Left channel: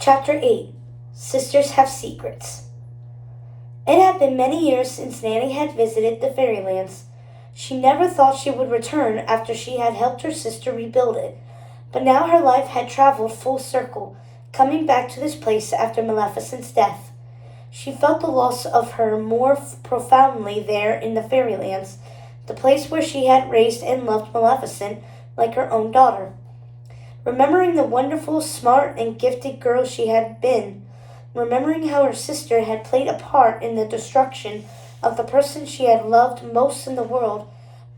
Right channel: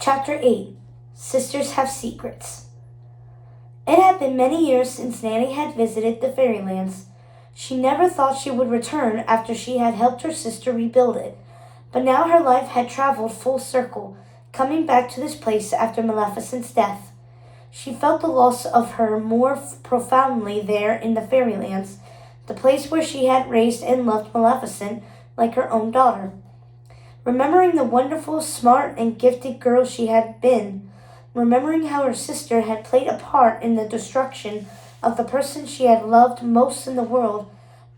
Chapter 8 Sisters Have Secrets. It had been many years since Nanny had visited the fairylands. She never thought she would return after she had helped her sister rebuild it, but now her life had traveled full circle, coming back to this place after Maleficent's death. She felt the loss of her more profoundly there in the fairylands, the place where she had raised and loved Maleficent like her own daughter. Remembering the wonderful, smart, and gifted girl she had been, remembering how her sister had played a part in the destruction of the person she had loved most in the world,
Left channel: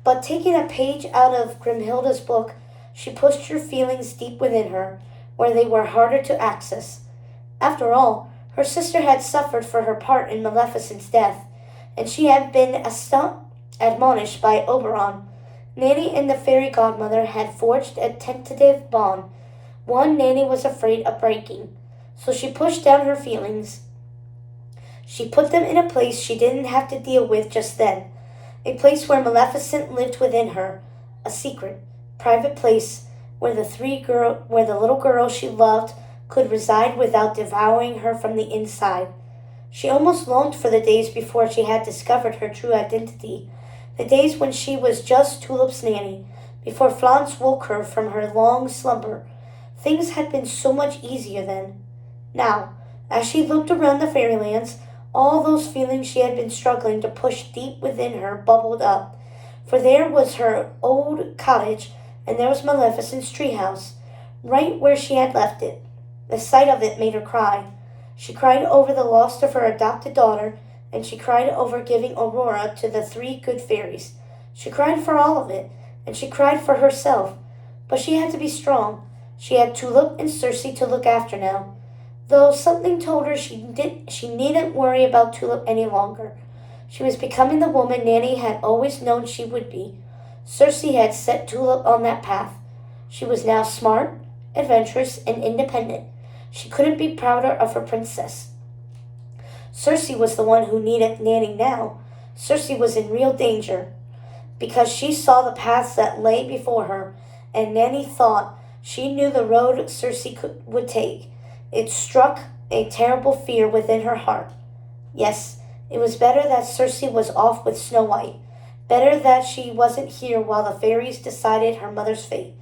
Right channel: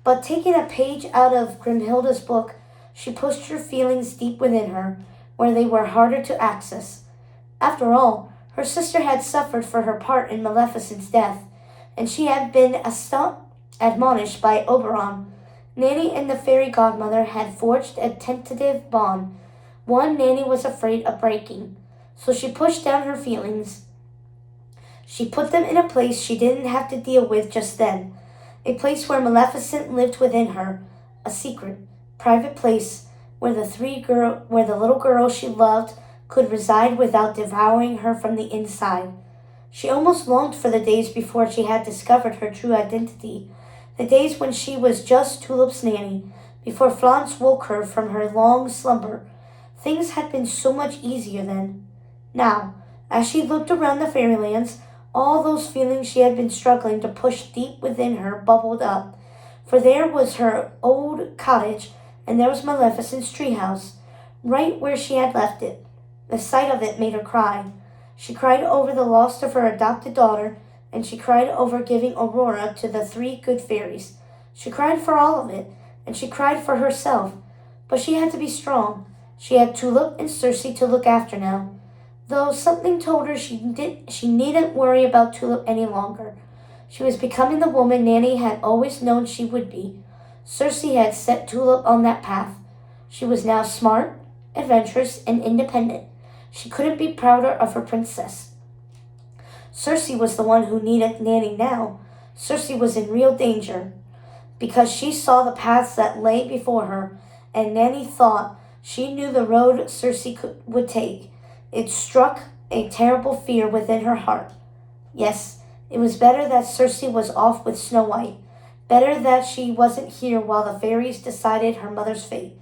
but taking a page out of Grimhilda's book, she pushed her feelings deep within her, where they were harder to access. After all, her sister had suffered for her part in Maleficent's death, and she had been admonished by Oberon. Nanny and the fairy godmother had forged a tentative bond, one Nanny was afraid of breaking. So she pushed down her feelings. She put them in a place she didn't have to deal with just then, a place where Maleficent lived within her, a secret, private place where the little girl she loved could reside without devouring her from the inside. She almost longed for the days before she had discovered her true identity, the days when she was just Tulip's nanny, before Florence woke her from her long slumber. Things had been so much easier then. Now, as she looked around the fairylands, all those feelings she had been struggling to push deep within her bubbled up. For there was her old cottage, and there was Maleficent's treehouse, right where she had left it. The sight of it made her cry. She cried over the loss of her adopted daughter, and she cried over giving Aurora to the three good fairies. She cried for all of it, and she cried for herself. But she had to be strong. She had Tulip and Circe to look after now, though something told her she needn't worry about Tulip any longer. She was becoming the woman Nanny had always known she would be. Circe had set Tulip on that path. She was now smart, adventurous, and independent. She couldn't be prouder of her princess. Circe was the one who needed Nanny now. Circe was in real danger, because she saw the paths that lay before her, and Nanny thought she knew the road Circe would take. It struck a terrible fear within her heart. Yes, it was better that Circe was off with Snow White. Better that she wasn't here while the fairies decided her mother's fate.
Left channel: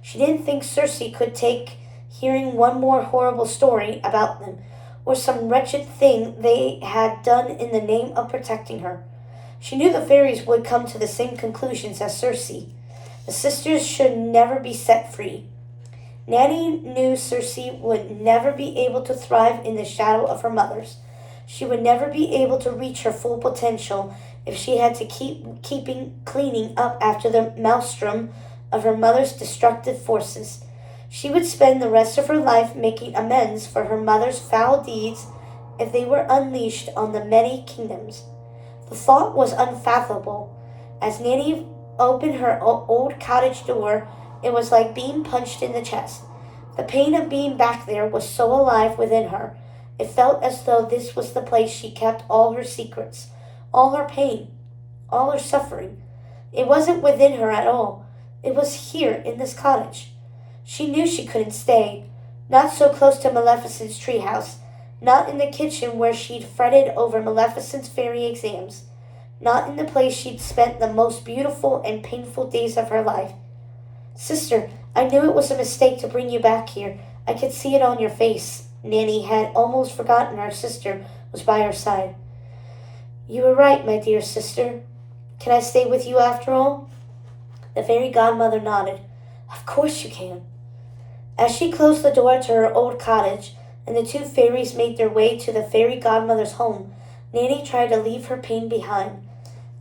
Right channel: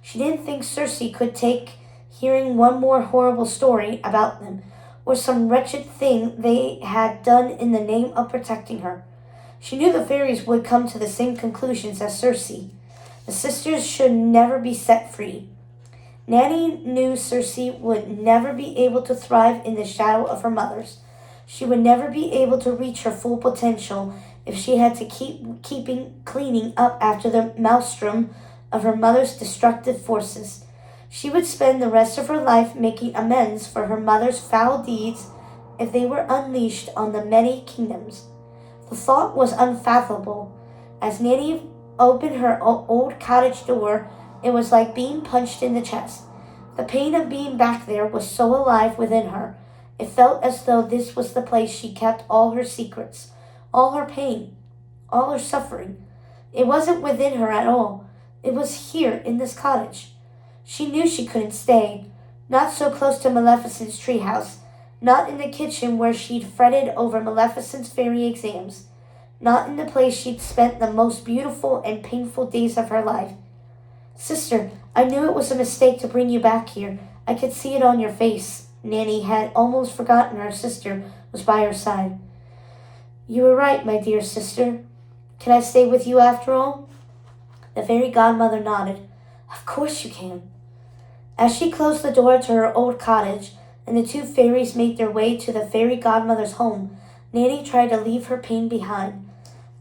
She didn't think Circe could take hearing one more horrible story about them, or some wretched thing they had done in the name of protecting her. She knew the fairies would come to the same conclusions as Circe. The sisters should never be set free. Nanny knew Circe would never be able to thrive in the shadow of her mother's. She would never be able to reach her full potential if she had to keep cleaning up after the maelstrom of her mother's destructive forces. She would spend the rest of her life making amends for her mother's foul deeds if they were unleashed on the many kingdoms. The thought was unfathomable. As Nanny opened her old cottage door, it was like being punched in the chest. The pain of being back there was so alive within her. It felt as though this was the place she kept all her secrets, all her pain, all her suffering. It wasn't within her at all. It was here in this cottage. She knew she couldn't stay, not so close to Maleficent's treehouse, not in the kitchen where she'd fretted over Maleficent's fairy exams, not in the place she'd spent the most beautiful and painful days of her life. Sister, I knew it was a mistake to bring you back here. I could see it on your face. Nanny had almost forgotten her sister was by her side. You were right, my dear sister. Can I stay with you after all? The fairy godmother nodded. Of course you can. As she closed the door to her old cottage, and the two fairies made their way to the fairy godmother's home, Nanny tried to leave her pain behind.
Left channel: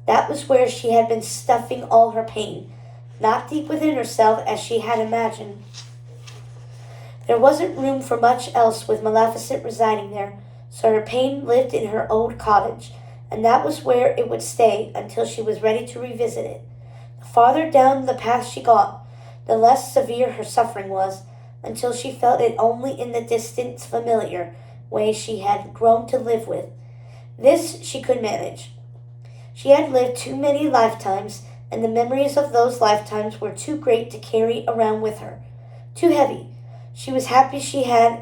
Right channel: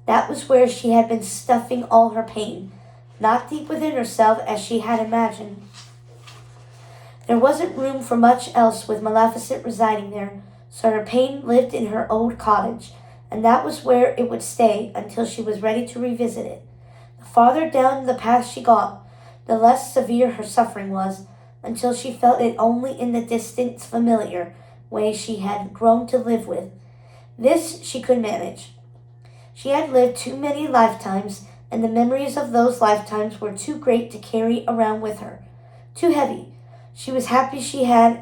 That was where she had been stuffing all her pain, not deep within herself as she had imagined. There wasn't room for much else with Maleficent residing there, so her pain lived in her old cottage, and that was where it would stay until she was ready to revisit it. The farther down the path she got, the less severe her suffering was, until she felt it only in the distant, familiar way she had grown to live with. This she could manage. She had lived too many lifetimes, and the memories of those lifetimes were too great to carry around with her. Too heavy. She was happy she had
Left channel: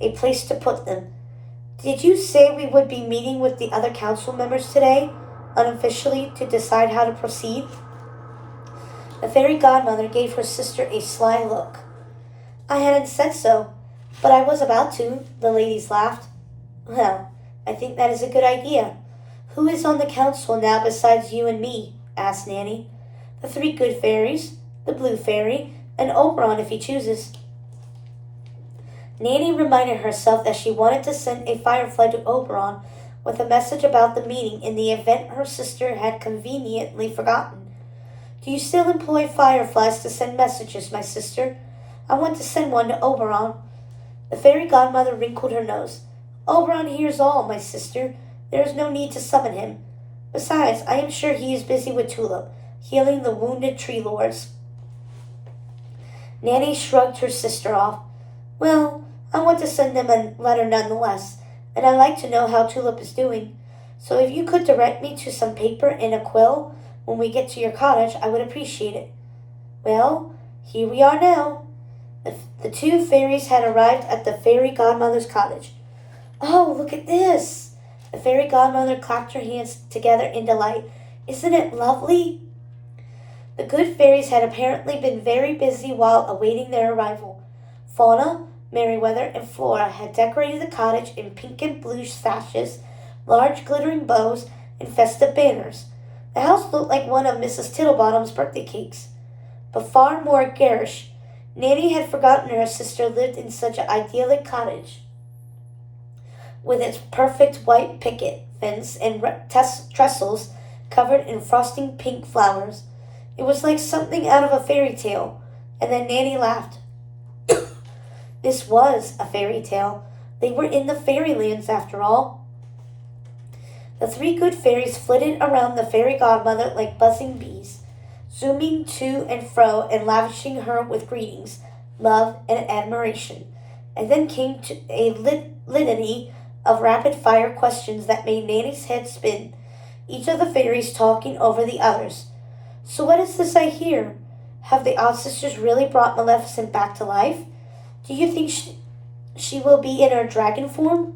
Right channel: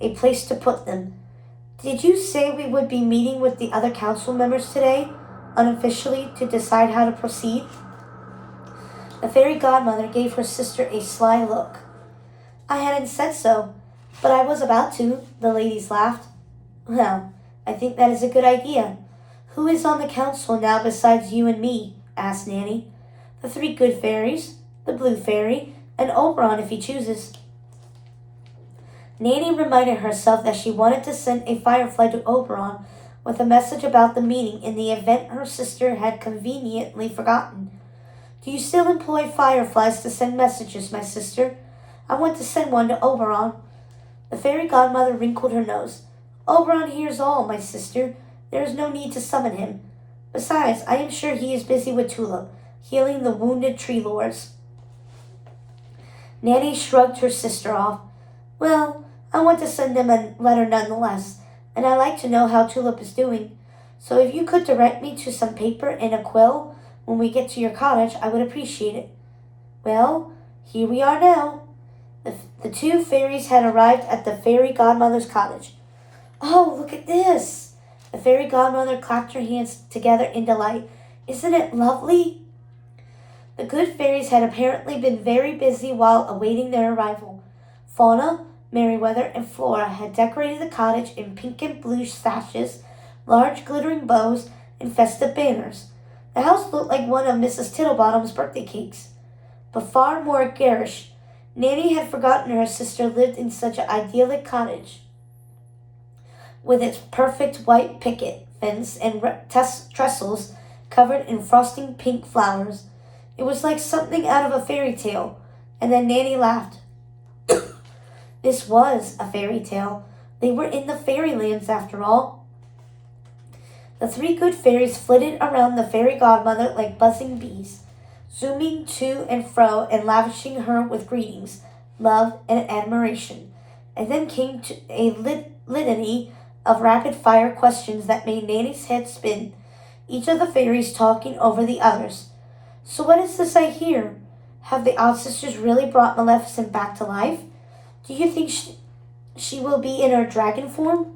a place to put them. Did you say we would be meeting with the other council members today, unofficially, to decide how to proceed? The fairy godmother gave her sister a sly look. I hadn't said so, but I was about to, the ladies laughed. Well, I think that is a good idea. Who is on the council now besides you and me? Asked Nanny. The three good fairies, the blue fairy, and Oberon if he chooses. Nanny reminded herself that she wanted to send a firefly to Oberon with a message about the meeting in the event her sister had conveniently forgotten. Do you still employ fireflies to send messages, my sister? I want to send one to Oberon. The fairy godmother wrinkled her nose. Oberon hears all, my sister. There is no need to summon him. Besides, I am sure he is busy with Tulip, healing the wounded tree lords. Nanny shrugged her sister off. Well, I want to send them a letter nonetheless, and I'd like to know how Tulip is doing. So if you could direct me to some paper and a quill when we get to your cottage, I would appreciate it. Well, here we are now. The two fairies had arrived at the fairy godmother's cottage. Oh, look at this! The fairy godmother clapped her hands together in delight. Isn't it lovely? The good fairies had apparently been very busy while awaiting their arrival. Fauna, Merryweather, and Flora had decorated the cottage in pink and blue sashes, large glittering bows, and festive banners. The house looked like one of Mrs. Tittlebottom's birthday cakes, but far more garish. Nanny had forgotten her sister lived in such an idyllic cottage, with its perfect white picket fence and trestles covered in frosting pink flowers. It was like something out of a fairy tale, and then Nanny laughed. This was a fairy tale. They were in the fairylands after all. The three good fairies flitted around the fairy godmother like buzzing bees, zooming to and fro and lavishing her with greetings, love, and admiration. And then came to a litany of rapid-fire questions that made Nanny's head spin, each of the fairies talking over the others. So what is this I hear? Have the odd sisters really brought Maleficent back to life? Do you think she will be in her dragon form?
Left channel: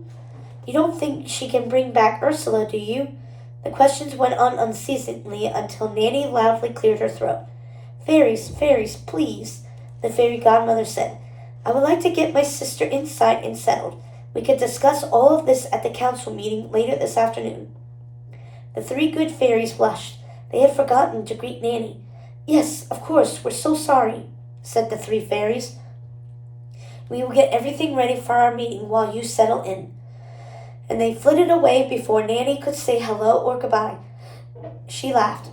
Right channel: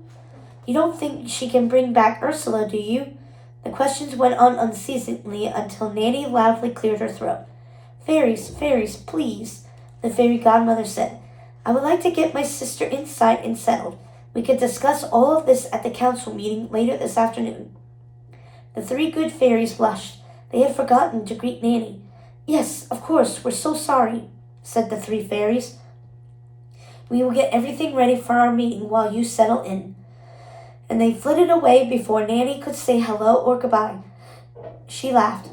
You don't think she can bring back Ursula, do you? The questions went on unceasingly until Nanny loudly cleared her throat. Fairies, fairies, please, the fairy godmother said. I would like to get my sister inside and settled. We could discuss all of this at the council meeting later this afternoon. The three good fairies blushed. They had forgotten to greet Nanny. Yes, of course, we're so sorry, said the three fairies. We will get everything ready for our meeting while you settle in. And they flitted away before Nanny could say hello or goodbye. She laughed,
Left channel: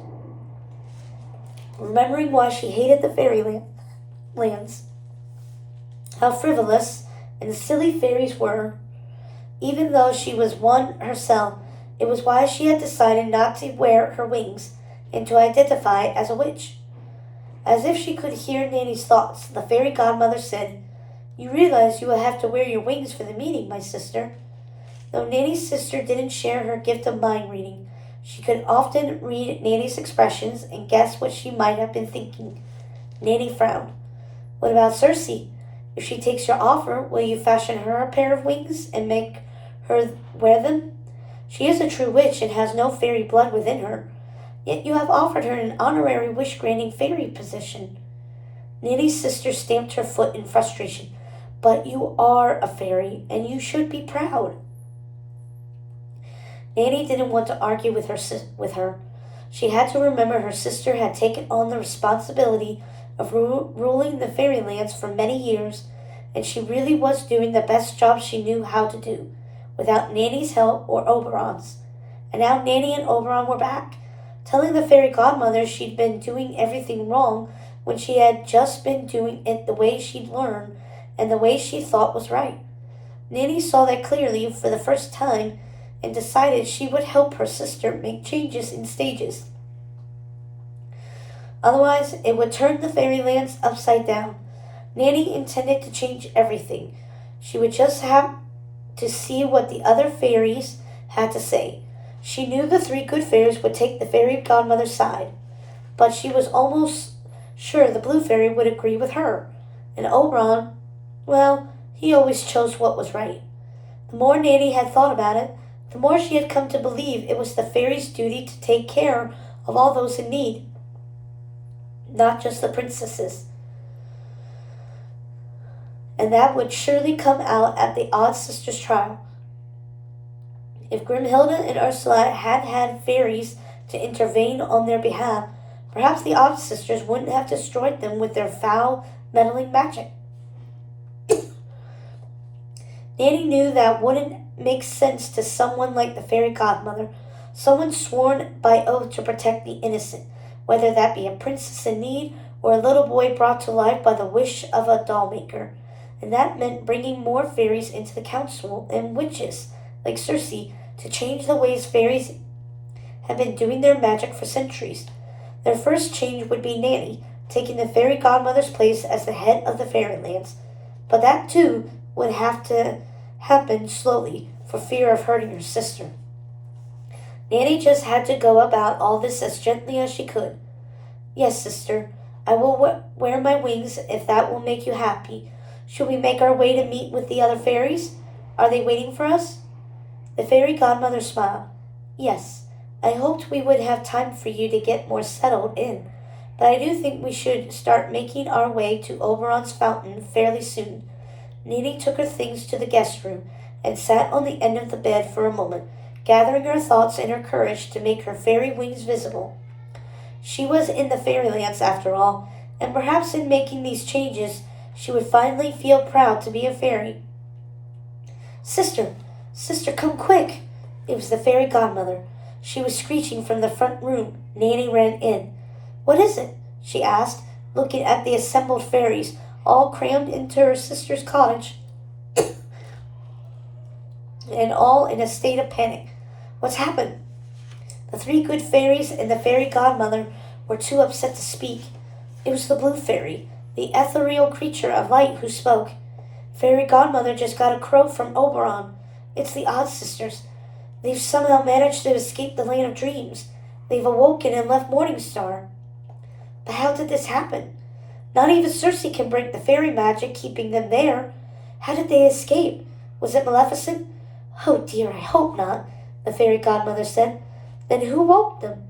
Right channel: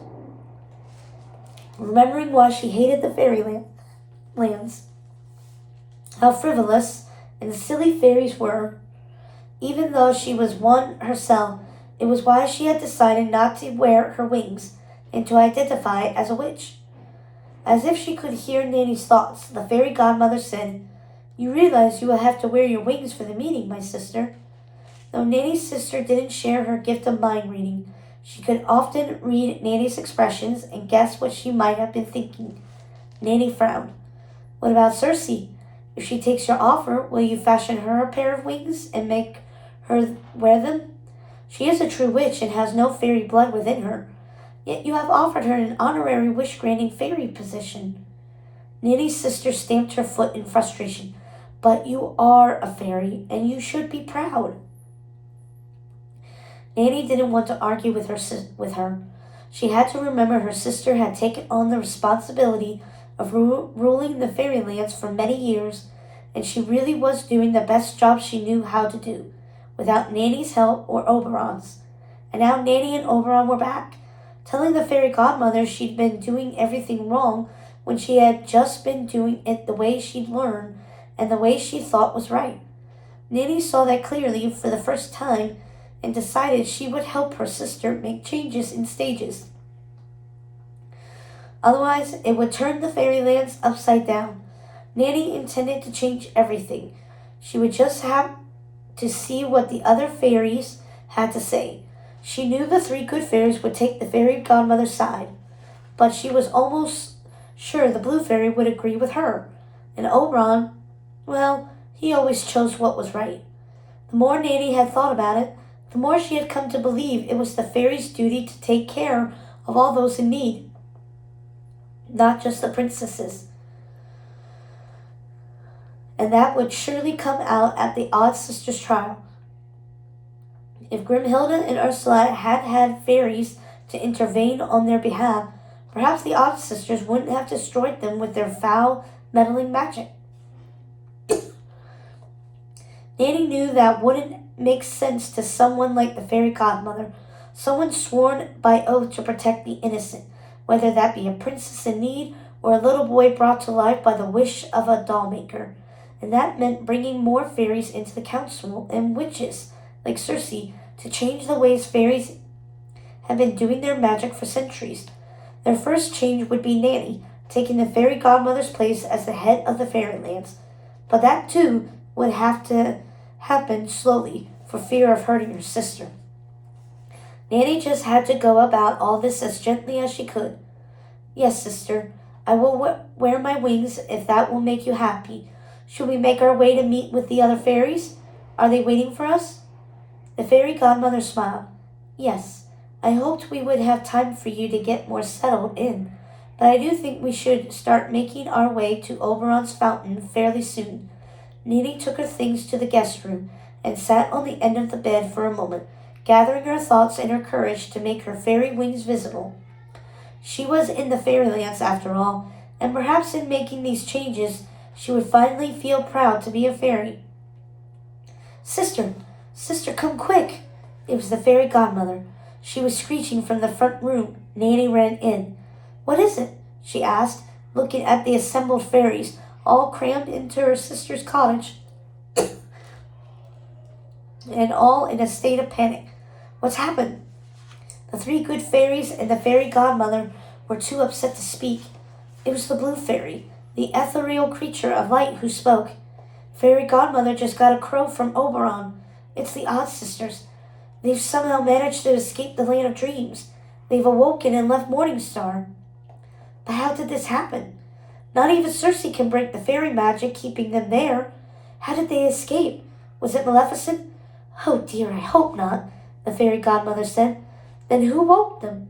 remembering why she hated the fairylands. How frivolous and silly fairies were. Even though she was one herself, it was why she had decided not to wear her wings and to identify as a witch. As if she could hear Nanny's thoughts, the fairy godmother said, You realize you will have to wear your wings for the meeting, my sister. Though Nanny's sister didn't share her gift of mind reading, she could often read Nanny's expressions and guess what she might have been thinking. Nanny frowned. What about Circe? If she takes your offer, will you fashion her a pair of wings and make her wear them? She is a true witch and has no fairy blood within her. Yet you have offered her an honorary wish-granting fairy position. Nanny's sister stamped her foot in frustration. But you are a fairy, and you should be proud. Nanny didn't want to argue with her. She had to remember her sister had taken on the responsibility of ruling the fairylands for many years, and she really was doing the best job she knew how to do, without Nanny's help or Oberon's. And now Nanny and Oberon were back, telling the fairy godmother she'd been doing everything wrong when she had just been doing it the way she'd learned and the way she thought was right. Nanny saw that clearly for the first time and decided she would help her sister make changes in stages. Otherwise, it would turn the fairylands upside down. Nanny intended to change everything. She would just have to see what the other fairies had to say. She knew the three good fairies would take the fairy godmother's side, but she was almost sure the blue fairy would agree with her. And Oberon, well, He always chose what was right. The more Nanny had thought about it, the more she had come to believe it was the fairy's duty to take care of all those in need, not just the princesses. And that would surely come out at the odd sisters' trial. If Grimhilda and Ursula had had fairies to intervene on their behalf, perhaps the odd sisters wouldn't have destroyed them with their foul, meddling magic. Nanny knew that wouldn't make sense to someone like the fairy godmother, someone sworn by oath to protect the innocent, whether that be a princess in need or a little boy brought to life by the wish of a doll maker. And that meant bringing more fairies into the council and witches, like Circe, to change the ways fairies have been doing their magic for centuries. Their first change would be Nanny, taking the fairy godmother's place as the head of the fairylands. But that, too, would have to happen slowly for fear of hurting her sister. Nanny just had to go about all this as gently as she could. Yes, sister, I will wear my wings if that will make you happy. Should we make our way to meet with the other fairies? Are they waiting for us? The fairy godmother smiled. Yes, I hoped we would have time for you to get more settled in, but I do think we should start making our way to Oberon's fountain fairly soon. Nanny took her things to the guest room and sat on the end of the bed for a moment, gathering her thoughts and her courage to make her fairy wings visible. She was in the fairylands after all, and perhaps in making these changes she would finally feel proud to be a fairy. Sister, come quick! It was the fairy godmother. She was screeching from the front room. Nanny ran in. What is it? She asked, looking at the assembled fairies, all crammed into her sister's cottage, and all in a state of panic. What's happened? The three good fairies and the fairy godmother were too upset to speak. It was the blue fairy, the ethereal creature of light, who spoke. Fairy godmother just got a crow from Oberon. It's the odd sisters. They've somehow managed to escape the land of dreams. They've awoken and left Morningstar. But how did this happen? Not even Circe can break the fairy magic keeping them there. How did they escape? Was it Maleficent? Oh dear, I hope not, the fairy godmother said. Then who woke them?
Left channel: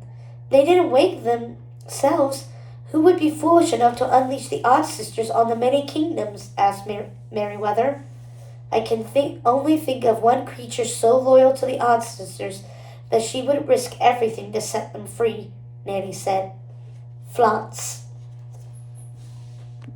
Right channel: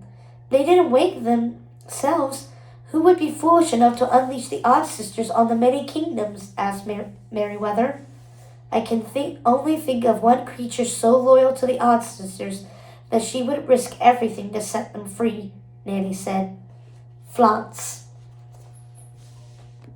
They didn't wake themselves. Who would be foolish enough to unleash the odd sisters on the many kingdoms? Asked Merryweather. I can only think of one creature so loyal to the odd sisters that she would risk everything to set them free, Nanny said. Flance.